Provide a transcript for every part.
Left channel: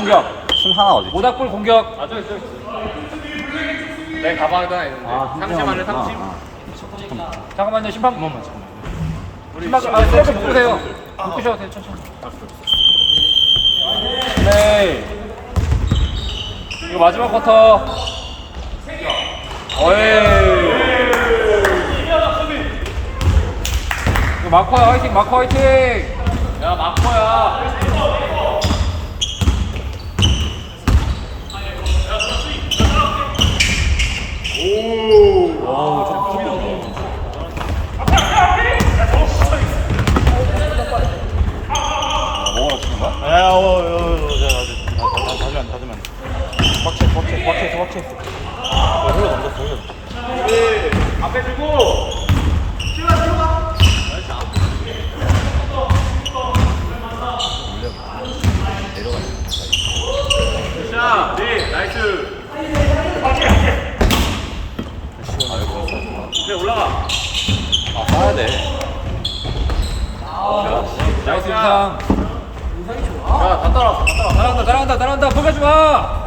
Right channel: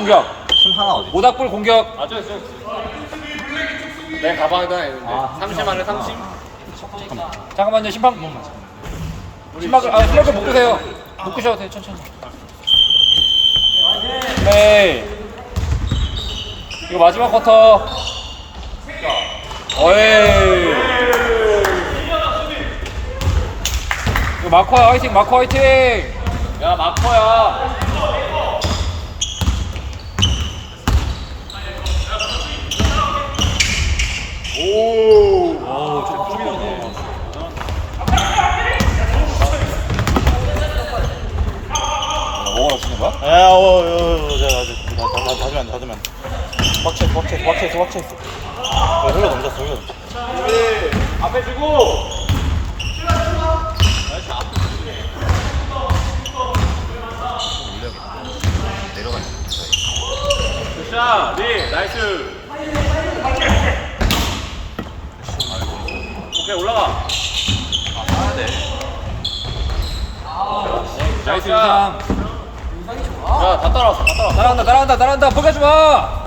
공격. 팀 하나 어디? 모닥불 공격. 내 가방에다 상심할래 상심? 잠깐만. 잠깐만요, 심판. 잠깐만. 심판, 세이브 묶으세요. 묶으셔도 돼요, 천천히. 네. 이거 마지막 쿼터. 어이. 마커 화이팅, 마커 화이팅. 야 마커야. 와우, 조금이네. 닫으면. 꽉채 있어. 흘러 넘겼어. 앞에 주고. 올려야겠다. 내려가는 사이. 자, 네, 나이스. 오케이 올라가. 싸야 돼. 나이스 유상. 야다 따라왔어. 따라간다. 포기하지 마.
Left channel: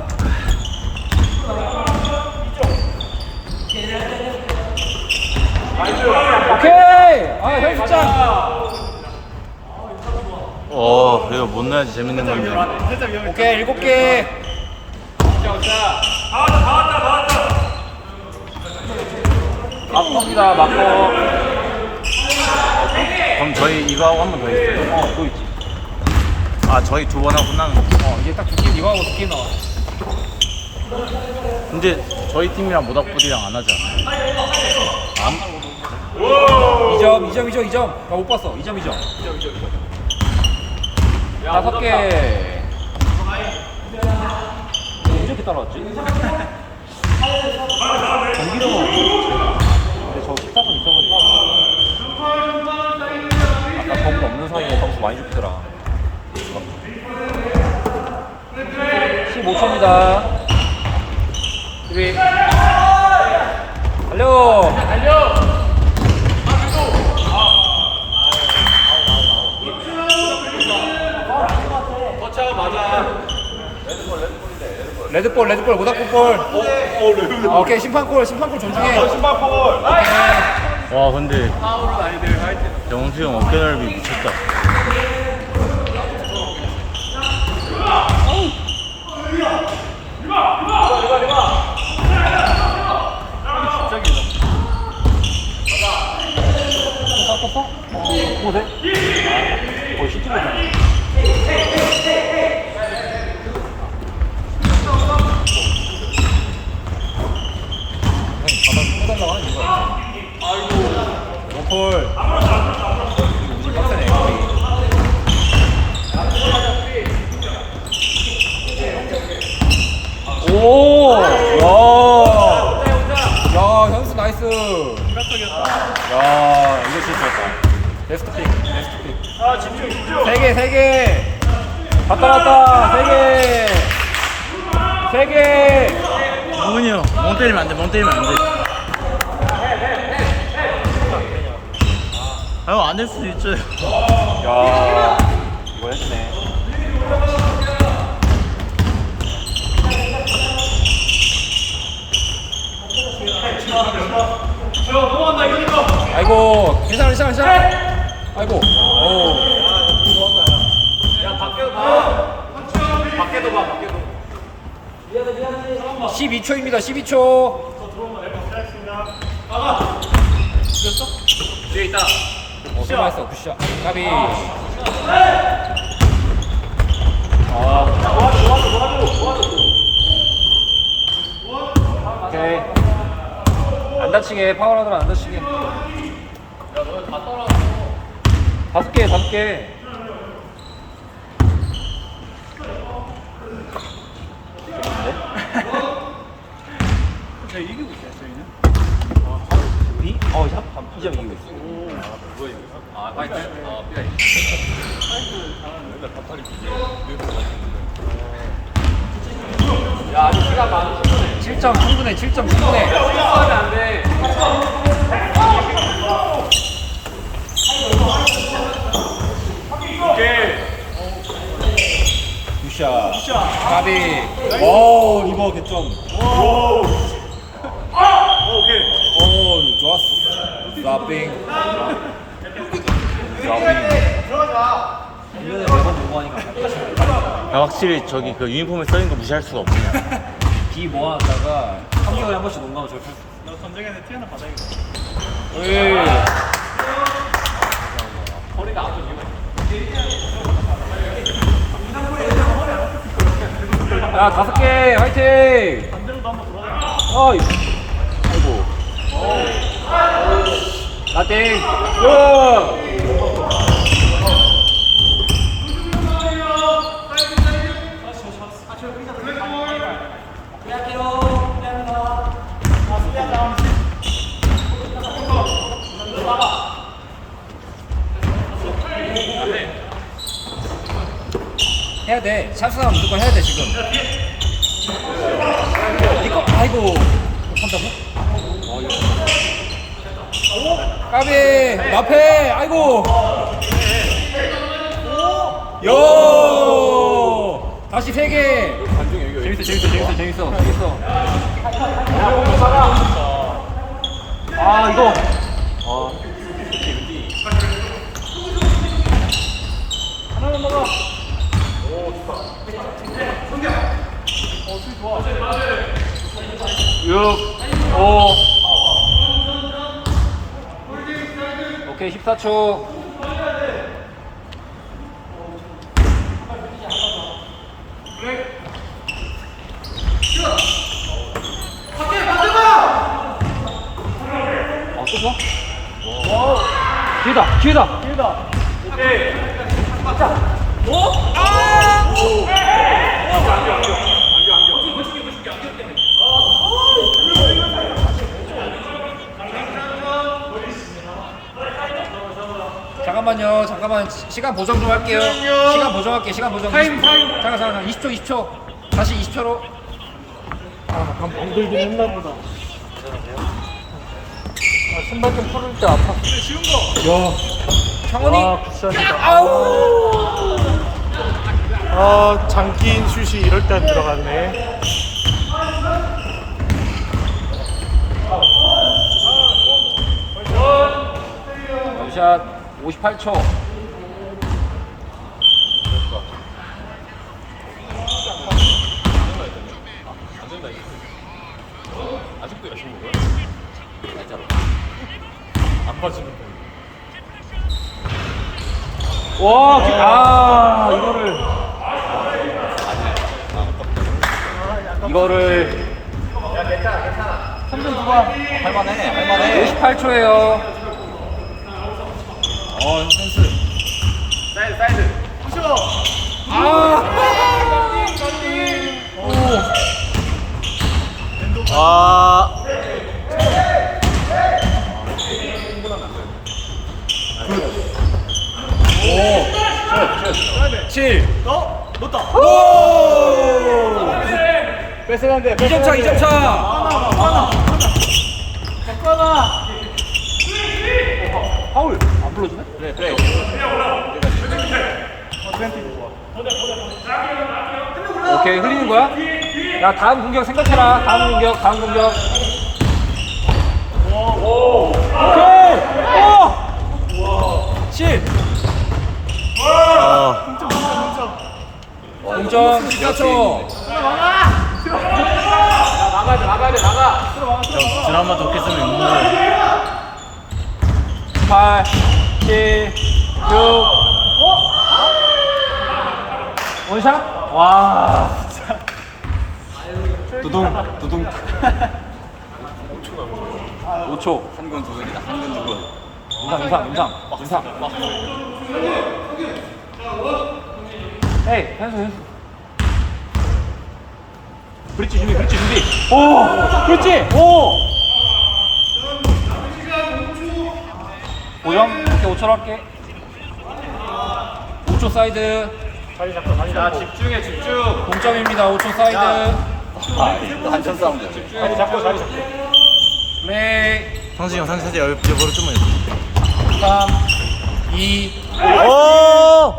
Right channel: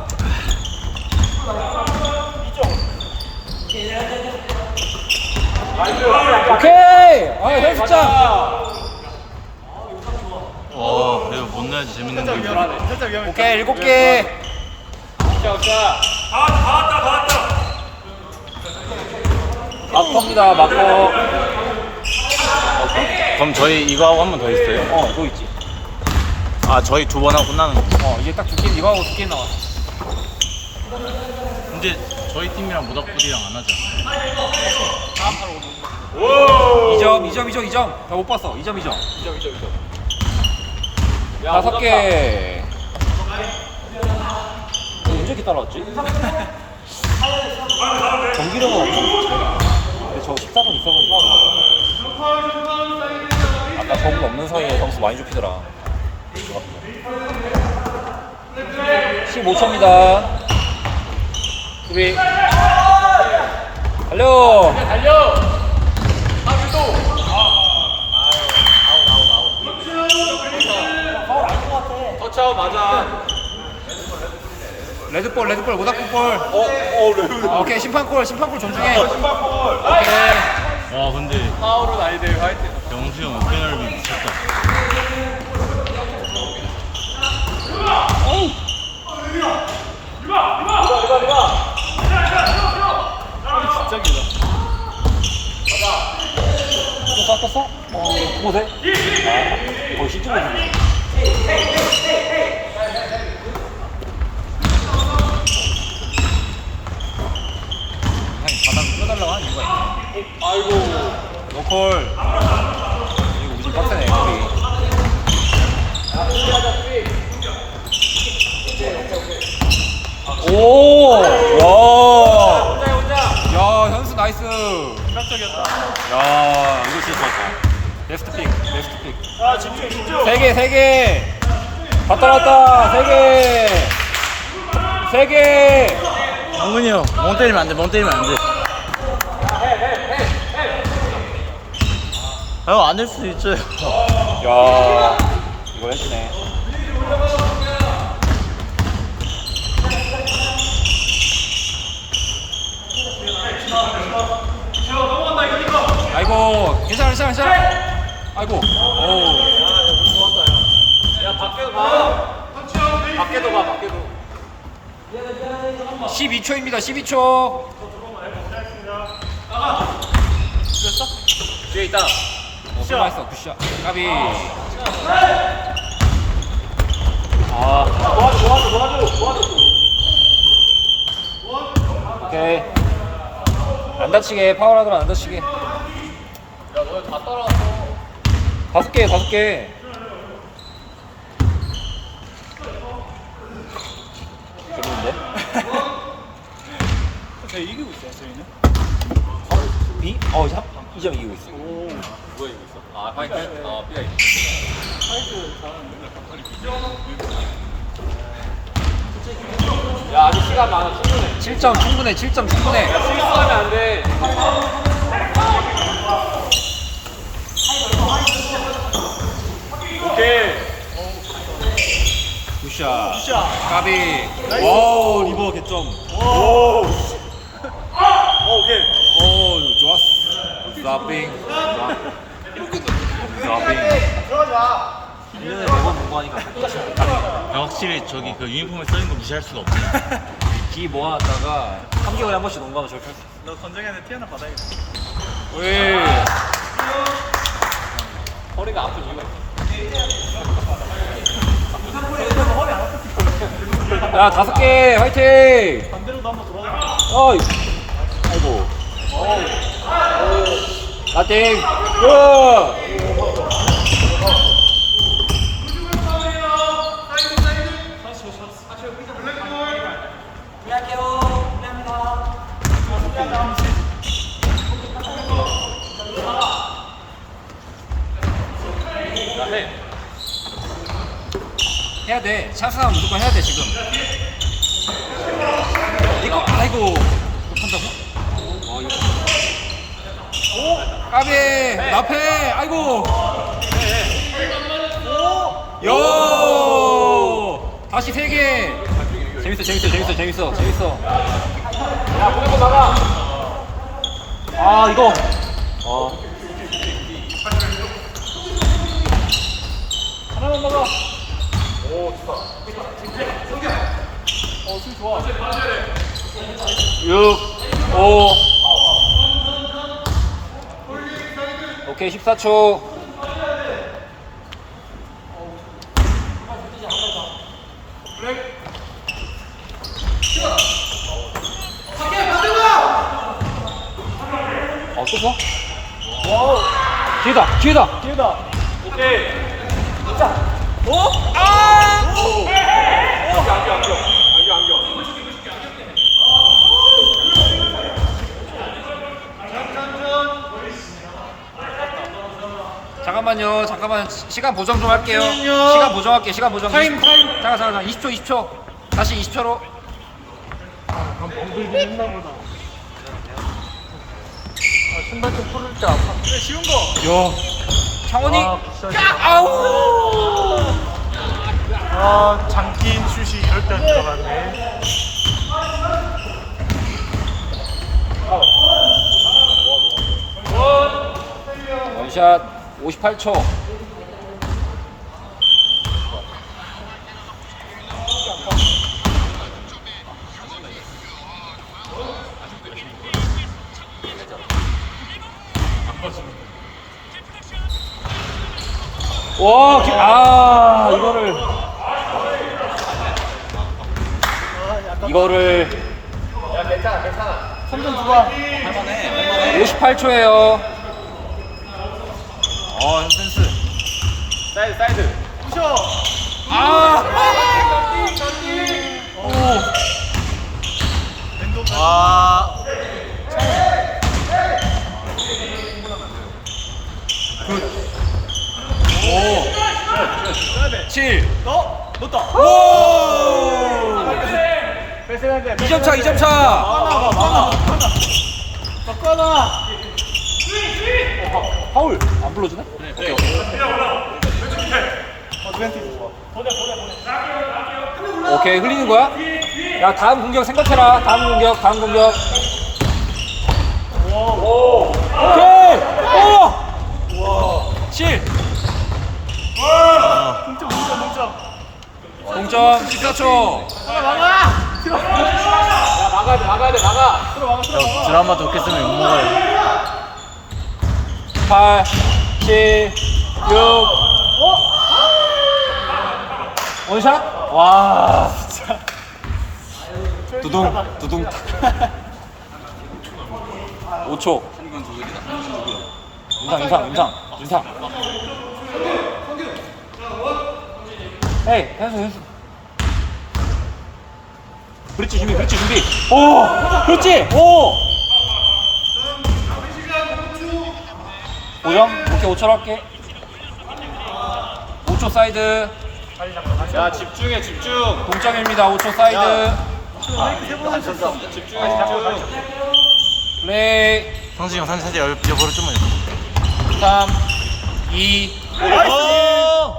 오케이. 아, 현수짱. 이거 못 넣어야지 재밌는 장면. 오케이, 7개. 막겁니다, 막겁. 그럼 저희 이거 하고 한 번 더 있어요? 또 있지. 아, 저희 두 번 하고 끝나는 거. 이제 딱 두팀 이거 하고 2개 나왔어. 근데 저희 팀이랑 모닥불이랑 안 하지 않아요? 2점. 나 못 봤어. 2점. 5개. 이렇게 따라왔지? 경기도 근데 저 13분 있어가지고 아까 저분 없는 사이에 점수 많이 좁히더라. 15초입니다. 준비. 달려. 터치아웃 맞아. 레드볼 모닥불볼. 오케이, 심판골 존중해. 오케이. 와, 근데 파울은 아니대. 화이팅. 경수 형 어깨 넓이 미쳤다. 깎았어? 보세. 오, 시티가 바닥 펴달라고 하는 이유가 있네. 아이고. 노콜. 그리고 우리 빡세네, 여기. 오! 와! 야, 현수 나이스. 생각적이었다. 야, 이거 제일 좋았다. 베스트 픽. 아 집중. 3개. 갔다. 3개. 문근이 형, 멍 때리면 안 돼. 형, 안 될 수도 있죠. 야, 이거 해주네. 아이고, 괜찮아. 아이고, 오. 밖에도 봐. 12초입니다. 12초. 뒤에 있다. 수고했어. 굿샷. 까비. 오케이. 안 다치게, 파울하더라. 안 다치게. 다섯 개. 이기고 있어요, 저희는. 이? 이점 이기고 있어. 그거 이거. 아 화이팅. 아 삐가 있어. 맨날 밥탈이. 야 아직 시간 많아. 7점 충분해. 7점 충분해. 싸우면 안 돼. 오케이. 굿샷. 까비. 오 리버 개점. 오 좋았어. 스탑핑. 스탑핑. 1년에 매번 농구하니까 다르네. 확실히 저기 그 유니폼에 써있는 거 무시할 수가 없네. 기 모아놨다가 3개월에 한 번씩 농구하면 저렇게 할 수. 너 건정현에 티 하나 받아야겠다. 오이. 허리가 아픈 이유가 야 5개 화이팅. 어이. 아이고. 화이팅. 고. 해야 돼. 찬스나 무조건 해야 돼 지금. 이거 아이고. 이거 판다고? 이거 판다고. 까비 나패. 아이고. 요. 다시 3개. 재밌어. 아 이거. 오케이 14초. 또 봐? 기회다. 잠깐만 시간 보정 좀 할게요. 시간 보정. 잠깐 20초. 다시 20초로. 방들긴 했나 보다. 신발 좀 풀을 때 아파. 쉬운 거. 야. 창원이. 아우. 아, 장기인 슛이 이럴 때 들어가네. 원샷 58초. 아직도 열심히 먹어요? 안 빠지는 거. 와, 이거를 할만해. 58초예요. 센스. 사이드. 부셔. 오. 와. 굿. 7. 넣었다. 오. 뺏어간대. 2점 차. 파울 안 불러주네? 네. 오케이 흘리는 거야? 야 다음 공격 생각해라. 다음 공격. 오케이. 7. 동점 14초. 드라마도 끝으면 있는 거예요. 8, 7, 6. 원샷? 와, 진짜. 두둥. 5초. 한건 도전이다. 한건 두건. 인상. 에이, 현수. 브릿지 준비. 오, 그렇지. 오. 고정. 오케이, 5초로 할게. 5초 사이드. 야 집중. 동점입니다. 5초 사이드. 안 쳤어. 집중해. 플레이. 상진이 형 살짝 여보로 좀만 여. 3, 2. 오!